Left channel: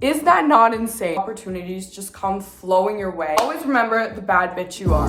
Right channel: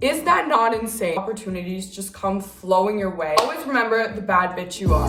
Is that not insane? Opportunities just come flowing your way. Always remember the bad bitch you are.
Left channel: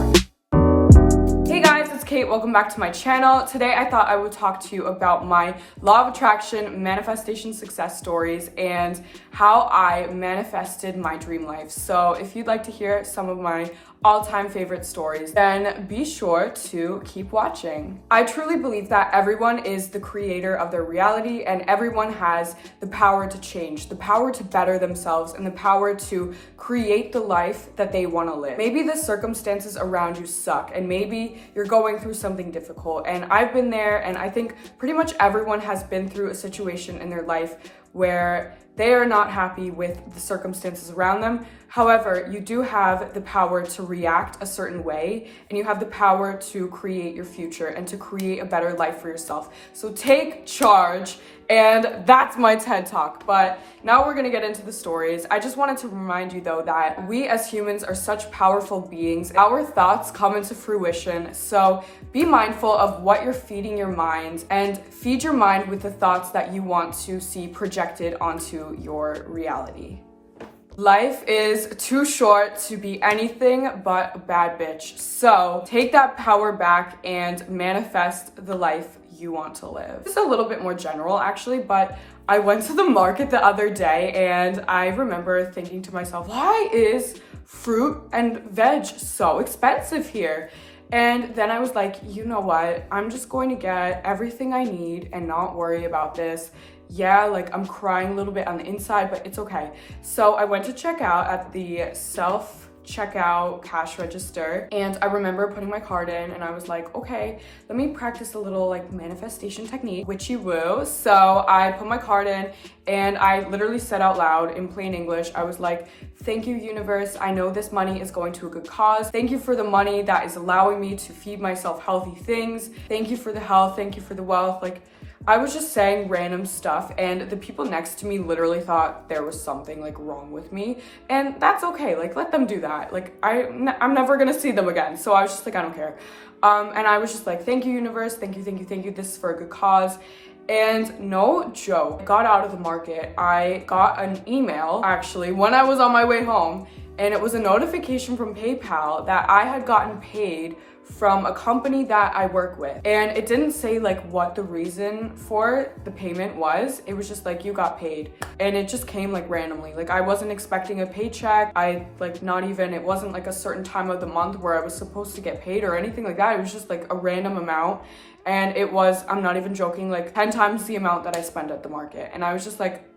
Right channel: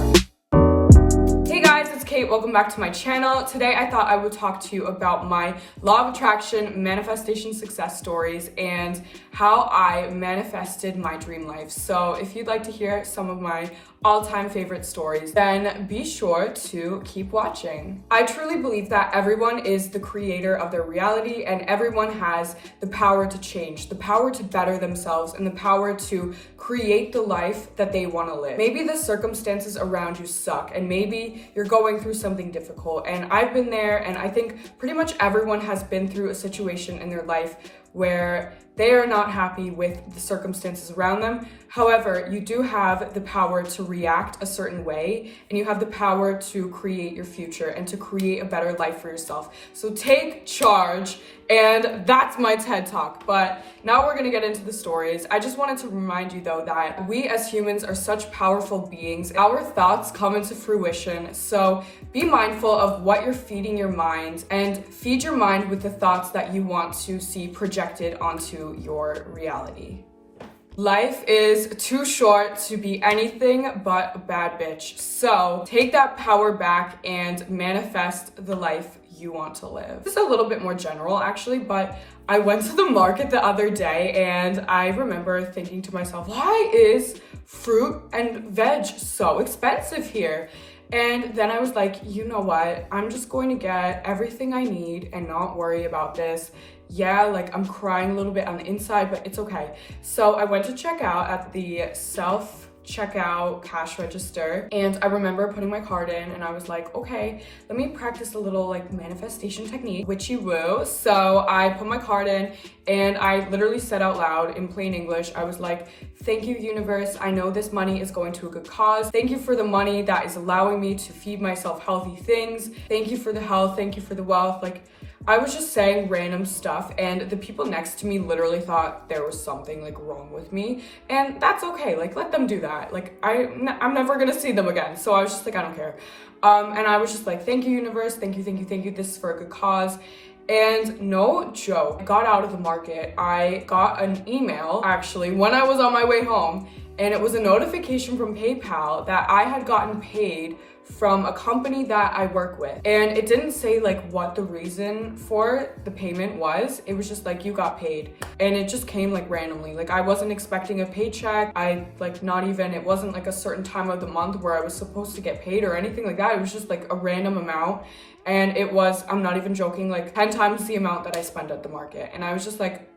Hey guys, it's Kate. Welcome back to my channel. Today I thought I would talk to you about my law of attraction manifestation success stories and how I manifested my dream life. So if you'd like to hear some of my all-time favorite stories, then be sure to keep watching. I truly believe that everyone is the creator of their reality and everyone has the power to change, the power to better themselves, and the power to create the life that they want to live. Maybe the circumstances around you suck and maybe you're going through something difficult, and I've been there, and I think pretty much everyone has been through a situation in their life where they are not happy with the circumstances around them. However, you do have the power to react a certain way, and you have the power to create your future and to create a better life for yourself. So take charge, and that's my TED Talk. But now we're gonna get into the stories. I just wanted to remind you though that we as humans are such powerful beings. Our thoughts come into fruition, so be mindful of what you're feeding your mind and feed your mind with the thoughts that you want to see projected onto your reality. Life is too short to be anything but a bad bitch. So take that power back and manifest the life you want to live. This is a little bit more general actually, but I went to the market the other day and I remember thinking to myself, why is fruit and veg so expensive here? And then I was like, you know what? I'm just going to get everything I need and not worry about this. Yeah, like I'm crying a little bit on the inside, but it's okay. So I went to check out at the self-checkout cash register, and I remember putting my card in and I was like, okay, let me practice a little like manifestation technique, witchy woo. So I put my card in and I literally said out loud in plain English, I was like, thank you, universe. I know this money is going to a good cause. Thank you for the money that is allowing me to feed myself healthy things. Thank you for the health. Thank you for the wealth. Like, I was just saying random stuff, and the people next to me literally thought there was something like wrong with me, and that's okay. Like, let them do that. Like, I'm never gonna see them again. So I was just like, I don't care. And I was just like, thank you, universe. Thank you, thank you, thank you. This is for a good cause. And no joke, I got out of the market. I got an email actually when I was on my way home, and it was a notification from PayPal that I had gotten paid from a company that I work with. And it didn't say like what the reason for the payment was. It was just like, you got paid. And it just came like randomly. Like I wasn't expecting a paycheck. It wasn't like a certain time of the month where I was supposed to get paid or anything like that. It was just like a random amount. And it was, I'm not even joking, like 10 times the amount that I spend at the market. And I was just like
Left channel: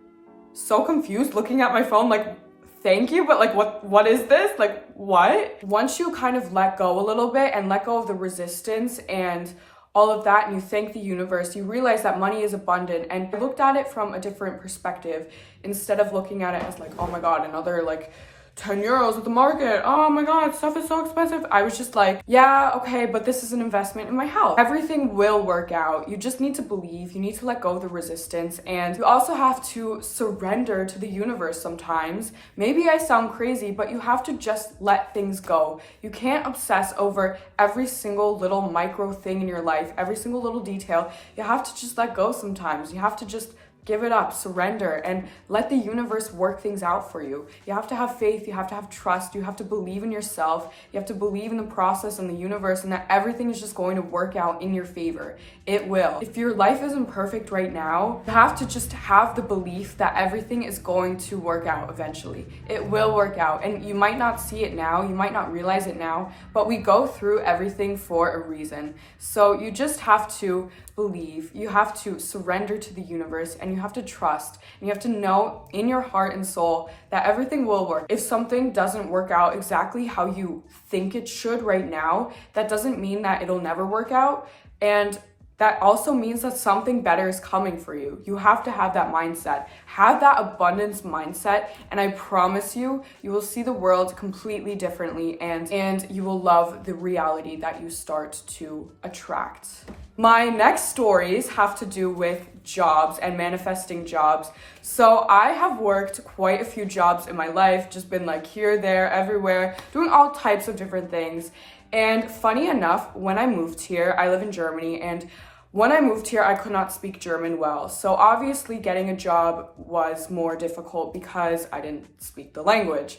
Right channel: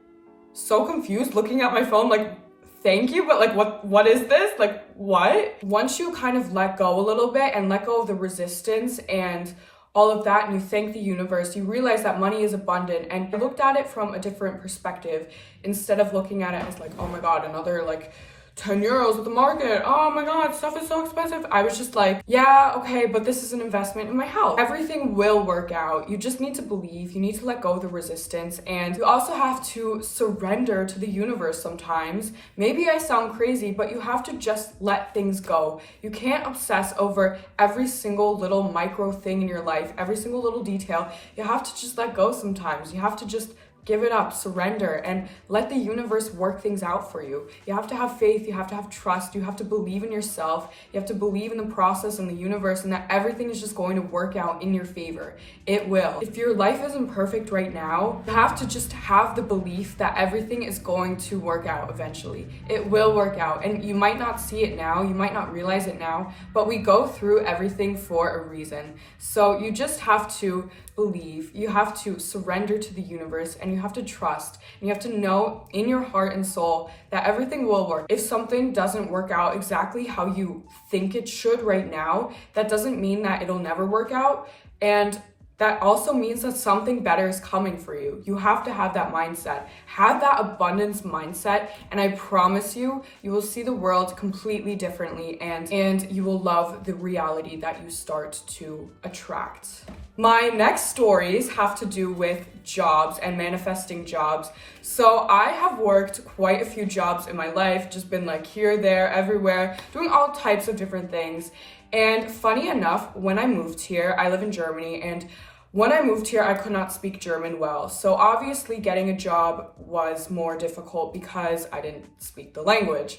so confused looking at my phone, like, thank you, but like what is this? Like what? Once you kind of let go a little bit and let go of the resistance and all of that, and you thank the universe, you realize that money is abundant. And I looked at it from a different perspective instead of looking at it as like, oh my God, another like 10 euros at the market. Oh my God, stuff is so expensive. I was just like, yeah, okay, but this is an investment in my health. Everything will work out. You just need to believe. You need to let go of the resistance. And you also have to surrender to the universe sometimes. Maybe I sound crazy, but you have to just let things go. You can't obsess over every single little micro thing in your life, every single little detail. You have to just let go sometimes. You have to just give it up, surrender, and let the universe work things out for you. You have to have faith, you have to have trust, you have to believe in yourself, you have to believe in the process and the universe, and that everything is just going to work out in your favor. It will. If your life isn't perfect right now, you have to just have the belief that everything is going to work out eventually. It will work out, and you might not see it now, you might not realize it now, but we go through everything for a reason. So you just have to believe, you have to surrender to the universe, and you have to trust, and you have to know in your heart and soul that everything will work. If something doesn't work out exactly how you think it should right now, that doesn't mean that it'll never work out, and that also means that something better is coming for you. You have to have that mindset. Have that abundance mindset, and I promise you, you will see the world completely differently, and you will love the reality that you start to attract. My next stories have to do with jobs and manifesting jobs. So I have worked quite a few jobs in my life, just been like here, there, everywhere, doing all types of different things. And funny enough, when I moved here, I live in Germany, and When I moved here, I could not speak German well. So obviously getting a job was more difficult because I didn't speak the language.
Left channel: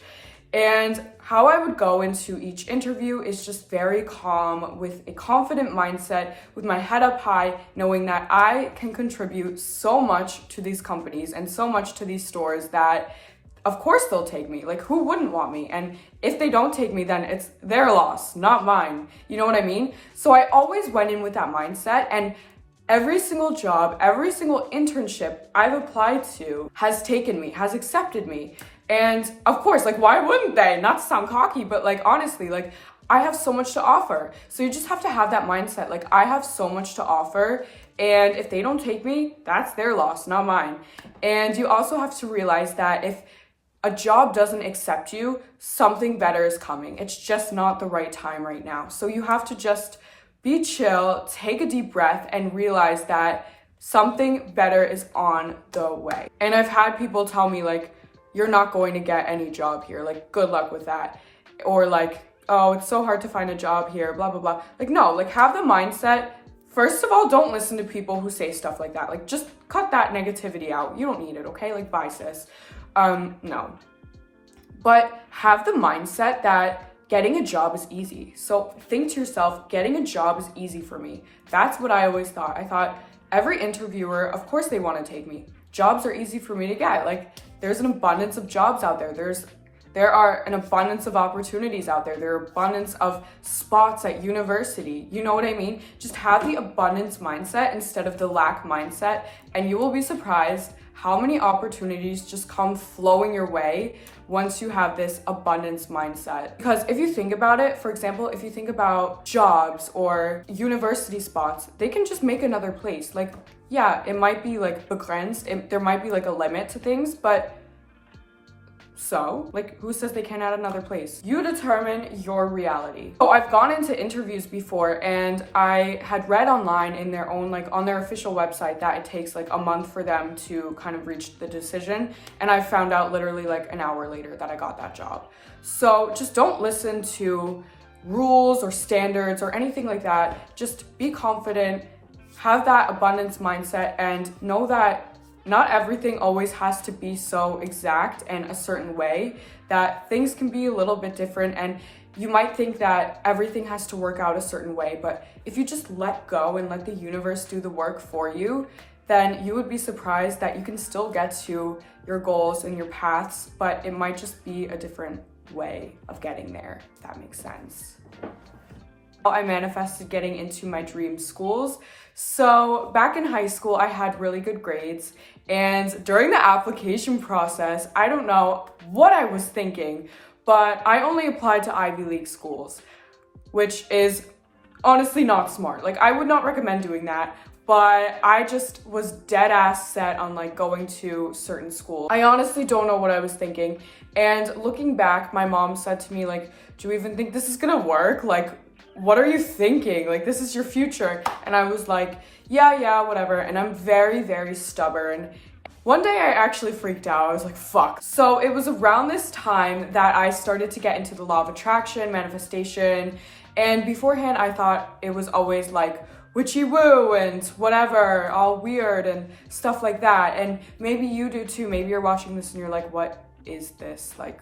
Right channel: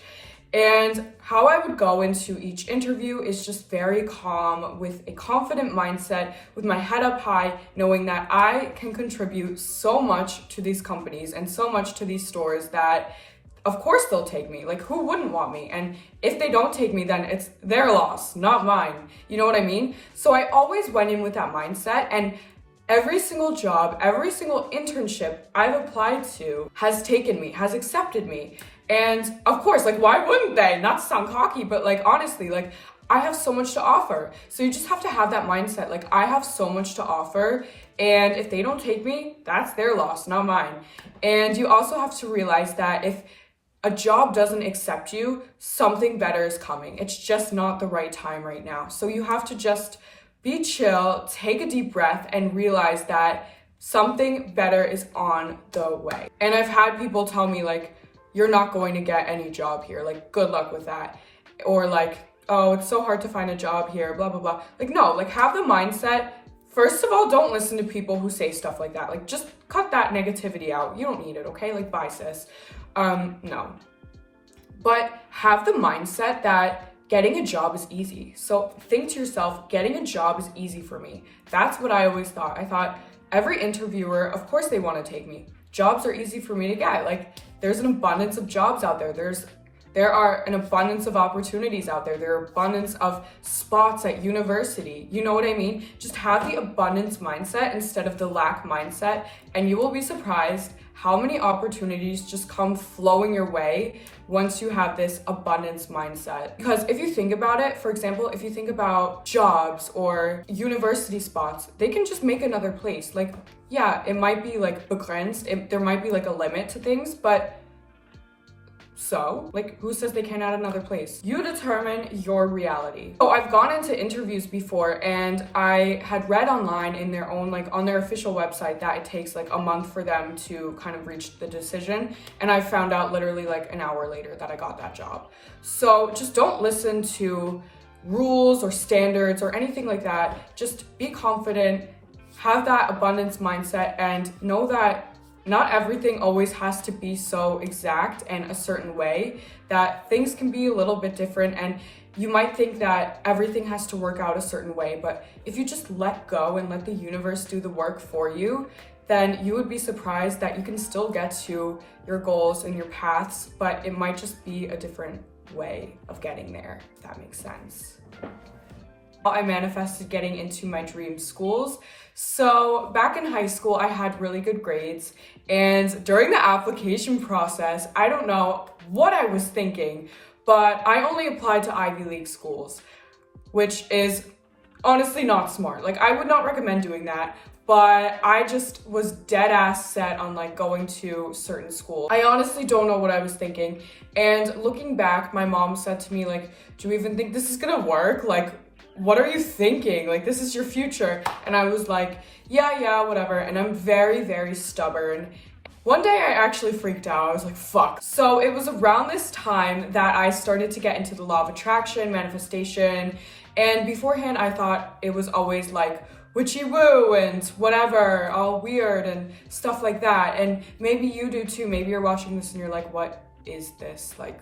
And how I would go into each interview is just very calm, with a confident mindset, with my head up high, knowing that I can contribute so much to these companies and so much to these stores that of course they'll take me. Like, who wouldn't want me? And if they don't take me, then it's their loss, not mine. You know what I mean? So I always went in with that mindset, and every single job, every single internship I've applied to has taken me, has accepted me. And of course, like, why wouldn't they? Not to sound cocky, but like, honestly, like, I have so much to offer. So you just have to have that mindset. Like, I have so much to offer, and if they don't take me, that's their loss, not mine. And you also have to realize that if a job doesn't accept you, something better is coming. It's just not the right time right now. So you have to just be chill, take a deep breath, and realize that something better is on the way. And I've had people tell me, like, you're not going to get any job here. Like, good luck with that. Or like, oh, it's so hard to find a job here, blah, blah, blah. Like, no, like, have the mindset. First of all, don't listen to people who say stuff like that. Like, just cut that negativity out. You don't need it, okay? Like, bye, sis. No. But have the mindset that getting a job is easy. So think to yourself, getting a job is easy for me. That's what I always thought. I thought every interviewer, of course they want to take me. Jobs are easy for me to get. Like, there's an abundance of jobs out there. There are an abundance of opportunities out there. There are abundance of spots at university. You know what I mean? Just have the abundance mindset instead of the lack mindset, and you will be surprised how many opportunities just come flowing your way once you have this abundance mindset. Because if you think about it, for example, if you think about jobs or university spots, they can just make another place. Like, yeah, it might be like begrenzt, there might be like a limit to things, but so, like, who says they can't add another place? You determine your reality. So I've gone into interviews before, and I had read online in their own, like, on their official website that it takes like a month for them to kind of reach the decision. And I found out literally like an hour later that I got that job. So just don't listen to rules or standards or anything like that. Just be confident, have that abundance mindset, and know that not everything always has to be so exact and a certain way, that things can be a little bit different, and you might think that everything has to work out a certain way, but if you just let go and let the universe do the work for you, then you would be surprised that you can still get to your goals and your paths, but it might just be a different way of getting there, if that makes sense. I manifested getting into my dream schools. So back in high school, I had really good grades, and during the application process, I don't know what I was thinking, but I only applied to Ivy League schools, which is honestly not smart. Like, I would not recommend doing that, but I just was dead ass set on like going to certain schools. I honestly don't know what I was thinking, and looking back, my mom said to me, like, do you even think this is gonna work? Like, what are you thinking? Like, this is your future. And I was like, yeah, whatever. And I'm very, very stubborn. One day I actually freaked out. I was like, fuck. So it was around this time that I started to get into the law of attraction, manifestation. And beforehand, I thought it was always like witchy woo and whatever, all weird and stuff like that. And maybe you do too. Maybe you're watching this and you're like, what is this, like,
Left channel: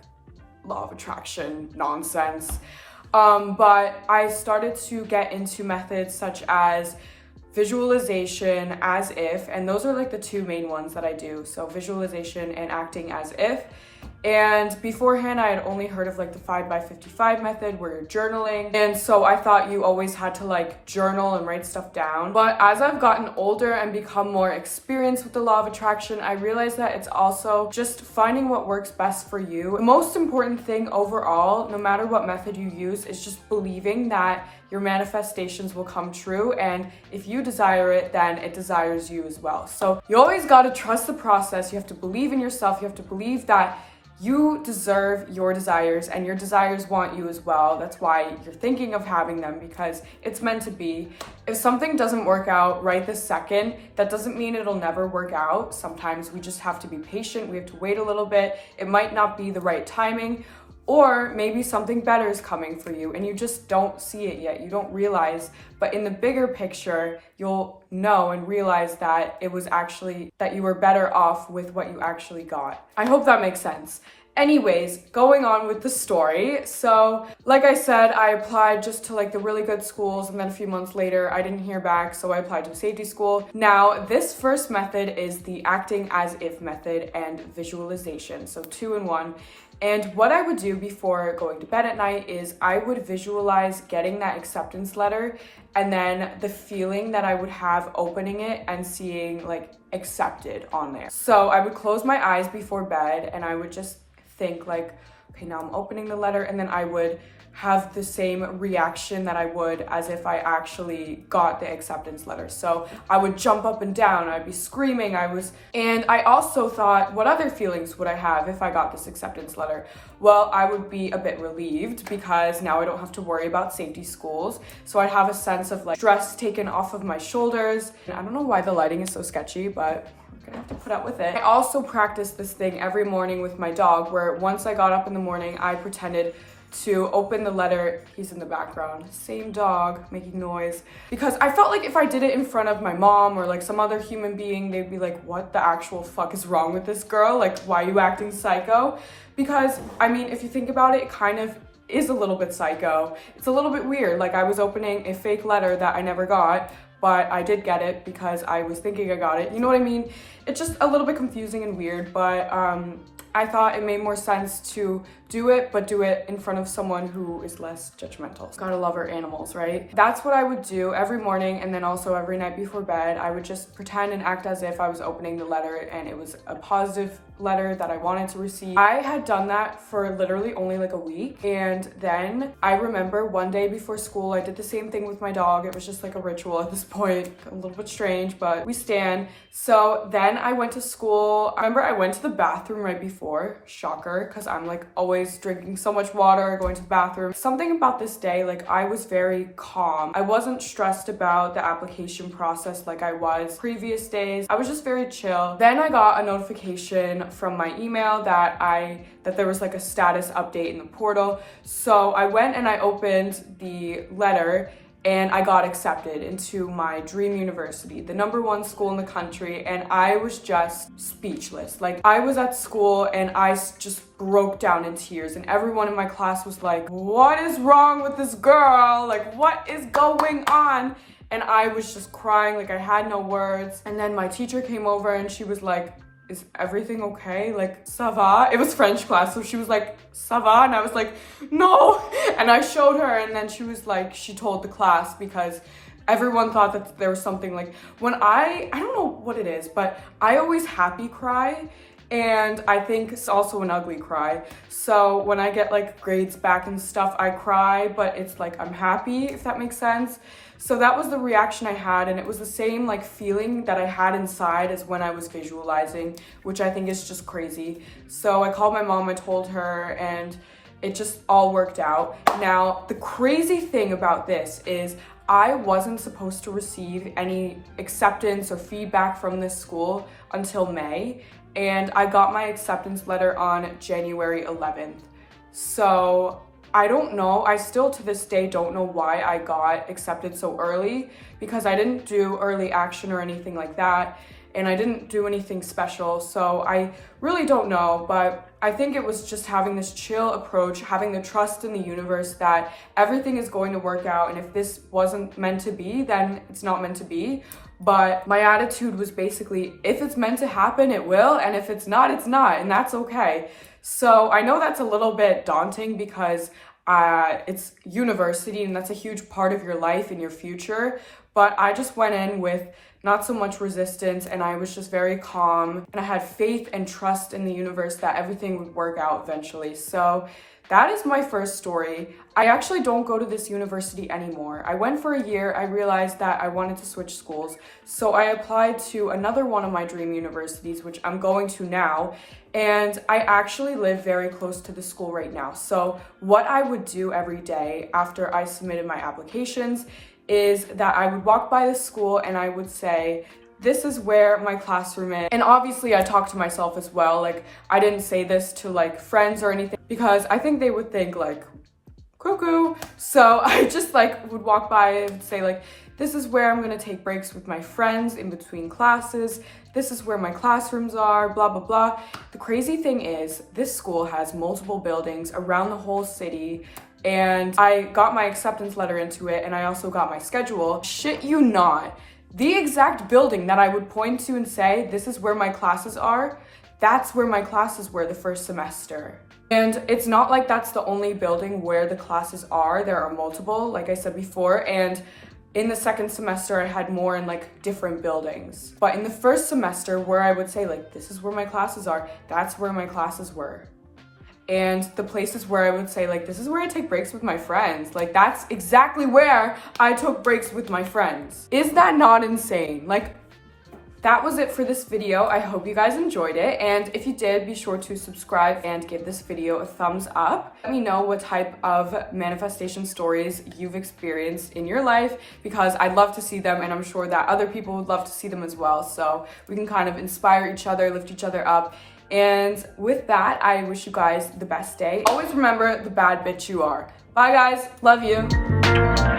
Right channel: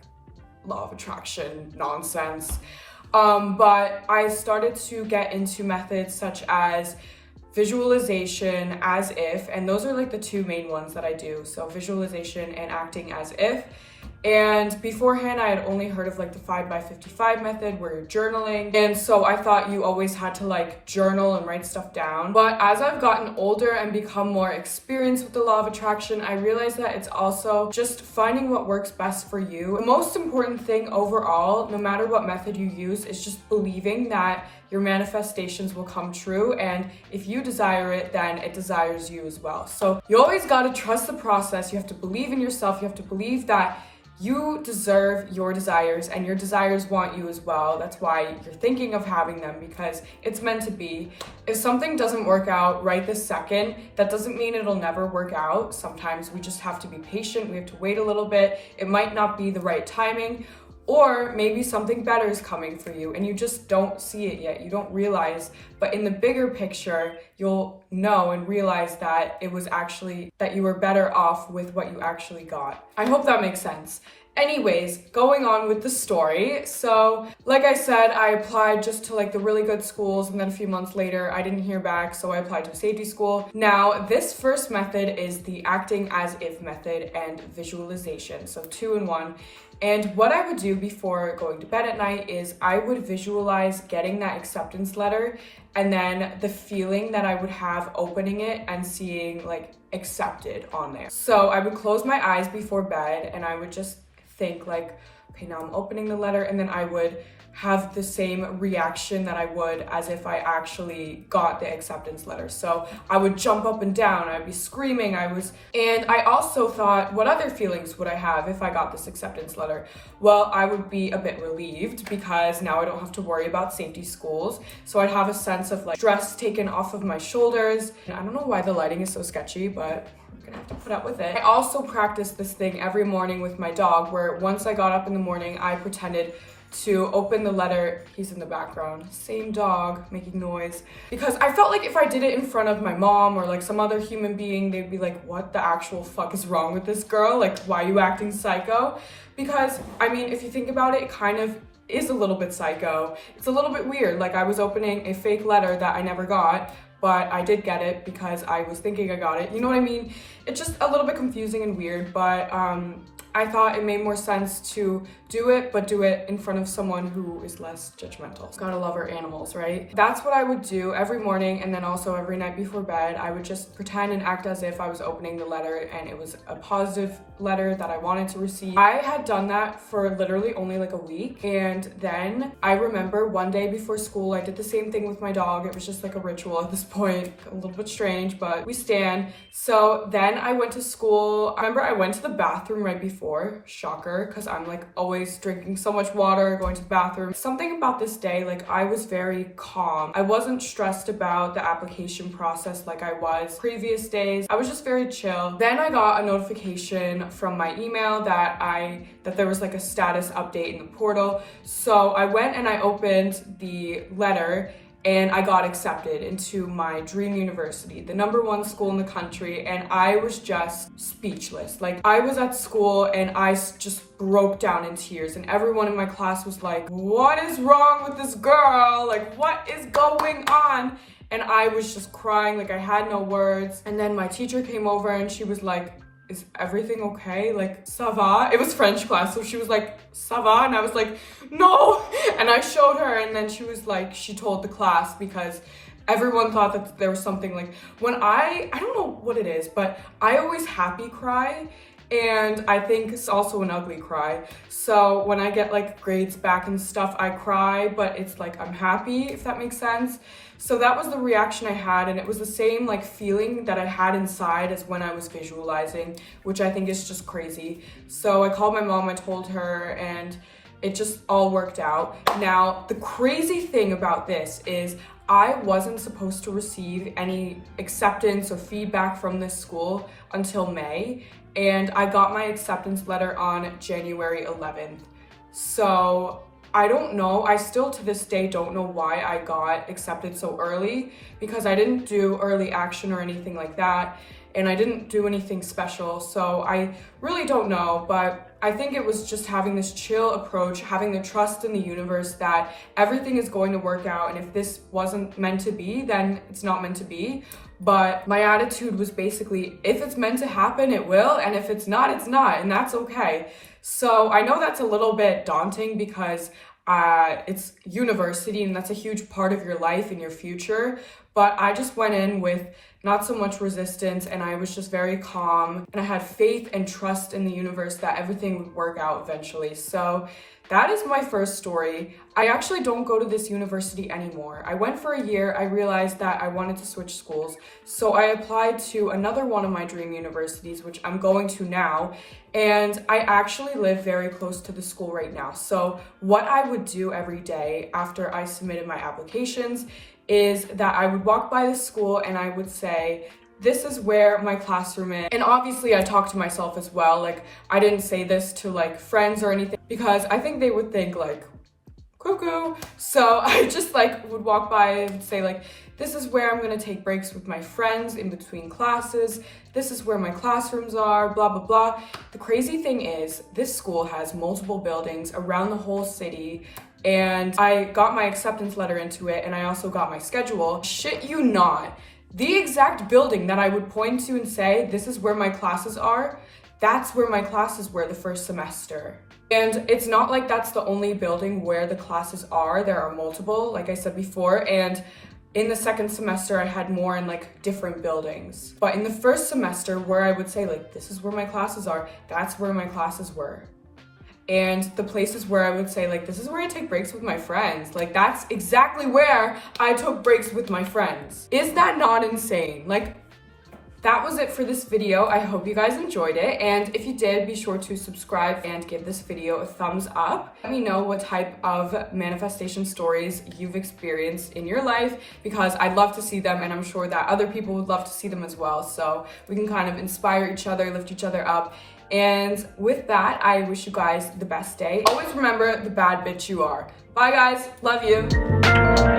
law of attraction nonsense? But I started to get into methods such as visualization, as if, and those are like the two main ones that I do. So visualization and acting as if. And beforehand, I had only heard of like the 5x55 method where you're journaling. And so I thought you always had to like journal and write stuff down. But as I've gotten older and become more experienced with the law of attraction, I realized that it's also just finding what works best for you. The most important thing overall, no matter what method you use, is just believing that your manifestations will come true. And if you desire it, then it desires you as well. So you always got to trust the process. You have to believe in yourself. You have to believe that you deserve your desires, and your desires want you as well. That's why you're thinking of having them, because it's meant to be. If something doesn't work out right this second, that doesn't mean it'll never work out. Sometimes we just have to be patient. We have to wait a little bit. It might not be the right timing, Or maybe something better is coming for you and you just don't see it yet. You don't realize, but in the bigger picture, you'll know and realize that it was actually that you were better off with what you actually got. I hope that makes sense. Anyways, going on with the story. So, like I said, I applied just to like the really good schools, and then a few months later, I didn't hear back, so I applied to a safety school. Now, this first method is the acting as if method and visualization. So 2 in 1. And what I would do before going to bed at night is I would visualize getting that acceptance letter and then the feeling that I would have opening it and seeing like accepted on there. So I would close my eyes before bed and I would just think like, okay, now I'm opening the letter, and then I would have the same reaction that I would as if I actually got the acceptance letter. So I would jump up and down, I'd be screaming, and I also thought, what other feelings would I have if I got this acceptance letter? Well, I would be a bit relieved because now I don't have to worry about safety schools. So I'd have a sense of like stress taken off of my shoulders. And I don't know why the lighting is so sketchy, but I'm gonna have to put up with it. I also practiced this thing every morning with my dog, where once I got up in the morning, I pretended to open the letter. He's in the background, same dog making noise, because I felt like if I did it in front of my mom or like some other human being, they'd be like, what the actual fuck is wrong with this girl? Like, why are you acting psycho? Because I mean, if you think about it, it kind of is a little bit psycho. It's a little bit weird. Like, I was opening a fake letter that I never got, but I did get it because I was thinking I got it. You know what I mean? It's just a little bit confusing and weird, but I thought it made more sense to do it, but do it in front of someone who is less judgmental. Gotta love our animals, right? That's what I would do every morning, and then also every night before bed. I would just pretend and act as if I was opening the letter and it was a positive letter that I wanted to receive. I had done that for literally only like a week, and then I remember one day before school, I did the same thing with my dog. It was just like a ritual at this point, a little bit strange, but we stand. So then I went to school. I remember I went to the bathroom right before, shocker, because I'm like always drinking so much water, going to the bathroom. Something about this day, like I was very calm. I wasn't stressed about the application process like I was previous days. I was just very chill. Then I got a notification from my email that there was like a status update in the portal. So I went and I opened the letter, and I got accepted into my dream university, the #1 school in the country, and I was just speechless. Like, I was at school and I just broke down in tears, and everyone in my class was like, what is wrong with this girl? Like, what is going on? And I was just crying, like I had no words. And then my teacher came over and she was like, is everything okay? Like, ça va? It was French class, so she was like, ça va? And I was like, no! And I showed her, and then she was like, she told the class, because everyone thought that there was something like, when I don't know what it is, but I always happy cry, and I think it's also an ugly cry. So when I get like grades back and stuff, I cry, but it's like I'm happy, if that makes sense. So that was the reaction I had, and it was the same like feeling that I had inside as when I was visualizing, which I think is just crazy. So I called my mom, I told her, and it just all worked out. Now, the crazy thing about this is I wasn't supposed to receive any acceptance or feedback from this school until May, and I got my acceptance letter on January 11th. So I don't know, I still to this day don't know why I got accepted so early, because I didn't do early action or anything like that, and I didn't do anything special, so I really don't know. But I think it was just having this chill approach, having the trust in the universe that everything is going to work out, and if this wasn't meant to be, then it's not meant to be. But my attitude was basically, if it's meant to happen, it will, and if it's not, it's not, and that's okay. So I know that's a little bit daunting because it's university and that's a huge part of your life and your future. But I just went in with not so much resistance, and I was just very calm, and I had faith and trust in the universe that everything would work out eventually. So that is my first story. I actually don't go to this university anymore. I went for a year. I realized that I wanted to switch schools. So I applied to another one of my dream universities, which I'm going to now. And I actually live very close to the school right now. So what I would do every day after I submitted my applications is that I would walk by the school and I would say, this is where my classroom is. And obviously I talk to myself as well. Like, I didn't say this to like friends or anything because I think they would think like, cuckoo. So I just like would walk by and would say like, this is where I'm gonna take breaks with my friends in between classes. This is where my classrooms are, blah, blah, blah. The crazy thing is, this school has multiple buildings around the whole city, and I got my acceptance letter into it, and I also got my schedule. Shit you not, the exact building that I would point to and say, this is where my classes are, that's where my classes were the first semester. And it's not like that's the only building where the classes are. There are multiple, like I said before, and in the second semester, I had more in like different buildings. But in the first semester, where I would say like, this is where my classes are, that's where my classes were. And the places where I would say like, this is where I take breaks with my friends. Like, that's exactly where I took breaks with my friends. Is that not insane? Like, that was it for this video. I hope you guys enjoyed it. And if you did, be sure to subscribe and give this video a thumbs up. Let me know what type of manifestation stories you've experienced in your life, because I'd love to see them, and I'm sure that other people would love to see them as well. So we can kind of inspire each other, lift each other up. And with that, I wish you guys the best day. Always remember the bad bitch you are. Bye guys, love you.